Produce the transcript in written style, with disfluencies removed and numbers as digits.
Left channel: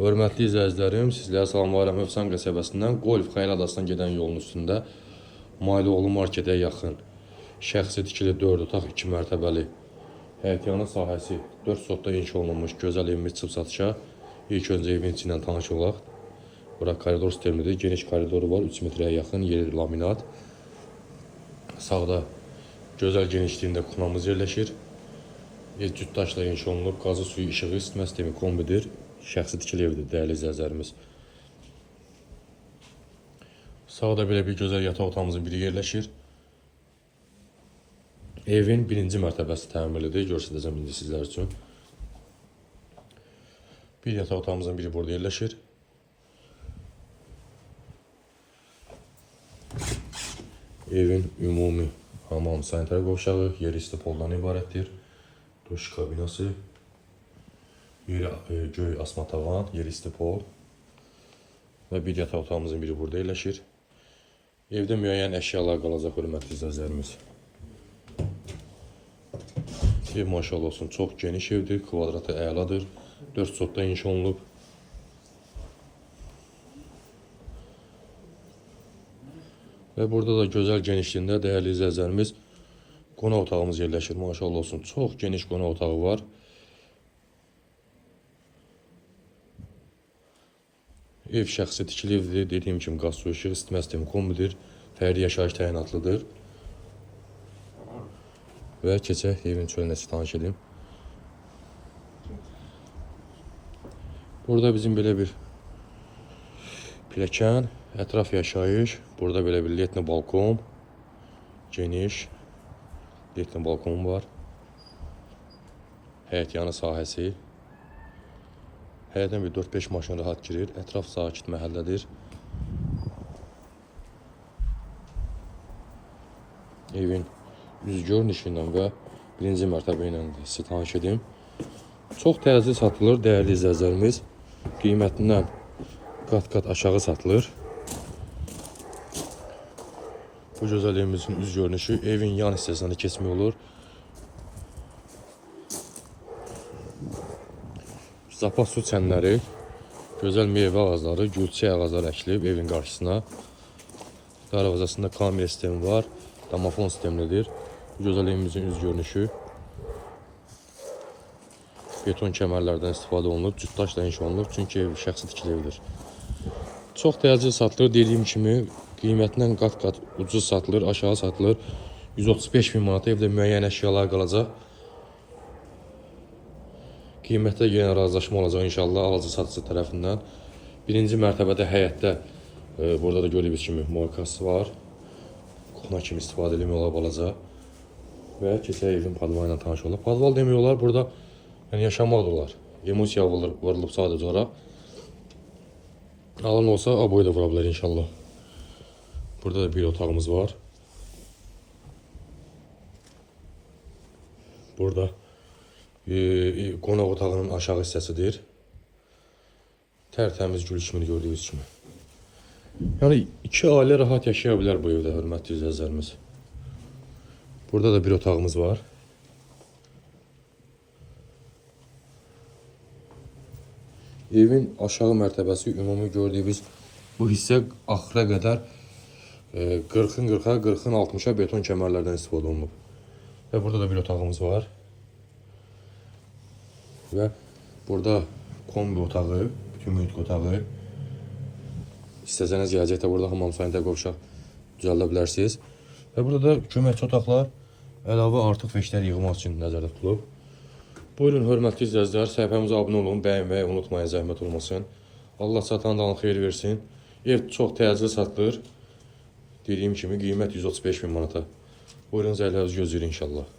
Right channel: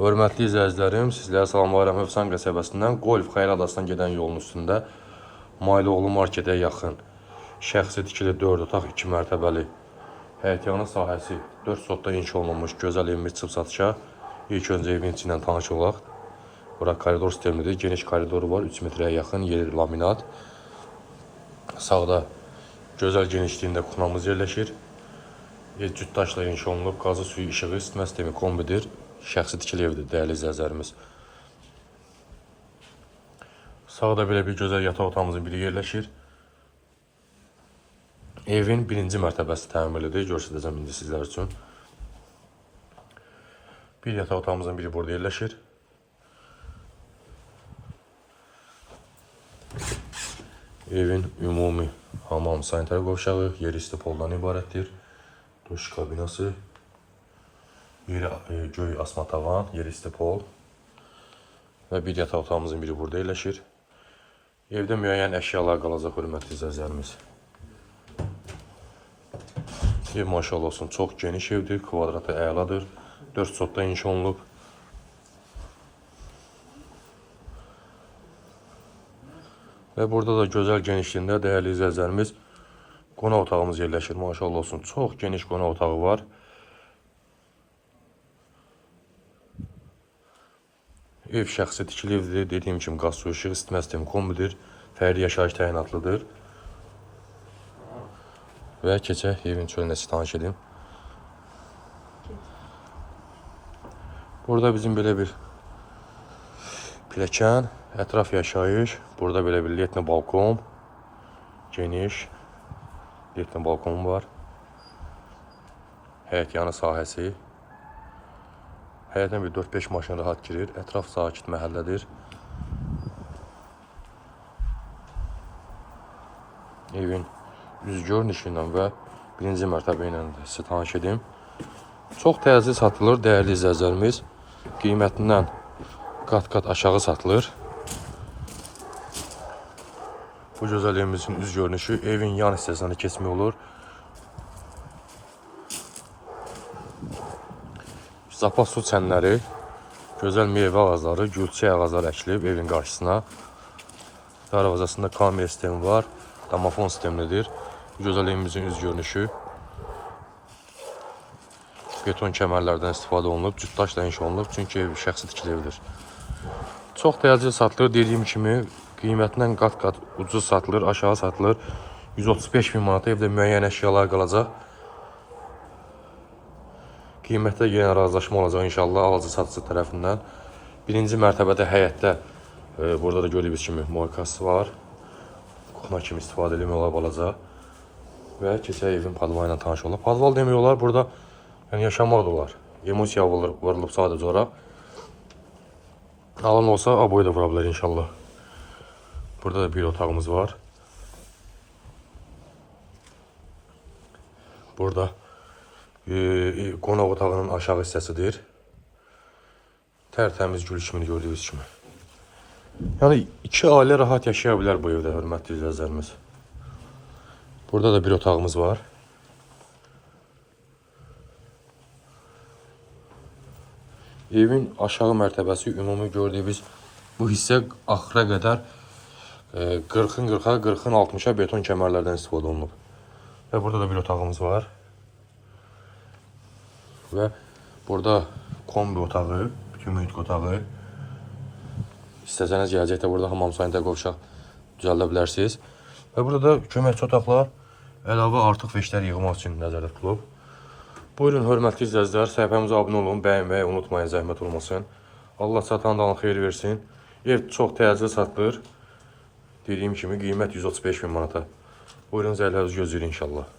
Hörmətli izləyicilərim, sizlərə salamlayıram. Hövsan qəsəbəsindən Golf Xeyir Adasından gedən yolun üstündə Maylıoğlu marketə yaxın şəxsi tikili 4 otaq 2 mərtəbəli həyətyanı sahəsi 4 sotda inşa olunmuş gözəl evimiz çıxıb satışa. İlk öncə evin içi ilə tanış olaq. Bura koridor sistemidir. Geniş koridoru var. 3 metrəyə yaxın yeri laminat. Sağda gözəl genişliyində kuxnamız yerləşir. Ev cüt daşla inşa olunub. Qazı, suyu, işığı, isitmə sistemi kombidir. Şəxsi tikili evdir, dəyərli izləyicilərimiz. Sağda belə bir gözəl yataq otağımızın biri yerləşir. Evin birinci mərtəbəsi təmirlidir. Göstərəcəm indi sizlər üçün. Bir yataq otağımızın biri burada yerləşir. Evin ümumi hamam, sanitar qovşağı, yeri istipoldan ibarətdir. Duş kabinası, yeri göy asma tavan, yeri istipol və bir yataq otağımızın biri burada yerləşir. Evdə müəyyən əşyalar qalacaq, hörmətli izləyicilərimiz. Ev maşallah olsun, çox geniş evdir, kvadratı əladır, 4 sotda inşa olunub. Və burada da gözəl genişliyində dəyərli izləyicilərimiz qonaq otağımız yerləşir. Maşallah olsun, çox geniş qonaq otağı var. Ev şəxsi tikili evdir. Dediyim kimi qaz, su, işıq, isitmə sistemi kombidir. Fərdi yaşayış təyinatlıdır. Və keçək evin çölünə tanış edim. Burada bizim belə bir pilləkən, ətraf yaşayış. Burada belə bir letni balkon, geniş letni balkonum var. Həyət yanı sahəsi. Həyətdən bir 4-5 maşın rahat girir. Ətraf sakit məhəllədir. Evin üz görünüşü ilə və birinci mərtəbə ilə sizə tanış edim. Çox təcil satılır, dəyərli izləyicilərimiz. Qiymətindən qat-qat aşağı satılır. Bu gözəl evimizin üz görünüşü, evin yan hissəsində keçmək olur. Zapas su çənləri, gözəl meyvə ağacları, gülçək ağacları əkilib evin qarşısına. Darvazasında kamera sistemi var, damafon sistemidir. Bu gözəl evimizin üz görünüşü. Beton kəmərlərdən istifadə olunub, cüt daşla inşa olunub, çünki ev şəxsi tikili evdir. Çox təcil satılır, dediyim kimi qiymətindən qat-qat ucuz satılır, aşağı satılır. 135 bin manata evdə müəyyən əşyalar qalacaq. Qiymətdə yenə razılaşma olacaq inşallah alıcı satıcı tərəfindən. Birinci mərtəbədə həyətdə, burada da gördüyünüz kimi moykası var. Kuxna kimi istifadə eləmək olar balaca. Və keçək evin padval ilə tanış olub. Padval demək olar, burada yaşamaq da olar. Emosiya vurulub sadəcə olaraq. Alan olsa aboy da vura bilər inşallah. Burada da bir otağımız var. Burada qonaq otağının aşağı hissəsidir. Tərtəmiz gül kimi gördüyünüz kimi. Yəni iki ailə rahat yaşaya bilər bu evdə, hörmətli izləyicilərimiz. Burada da bir otağımız var. Evin aşağı mərtəbəsi ümumi gördüyünüz bu hissə axıra qədər 40-ın 40-a, 40-ın 60-a beton kəmərlərdən istifadə olunub. Və burada da bir otağımız var. Və burada kombi otağı, bütün mühit otağı. İstəsəniz gələcəkdə burada hamam sanitar qovşaq düzəldə bilərsiniz. Və burada da köməkçi otaqlar, əlavə artıq veşlər yığmaq üçün nəzərdə tutulub. Buyurun, hörmətli izləyicilər, səhifəmizə abunə olun, bəyənməyi unutmayın, zəhmət olmasın. Allah satandan xeyir versin. Ev çox təcil satılır. Dediyim kimi qiymət 135 bin manata. Buyurun, zərlərinizi gözləyin inşallah.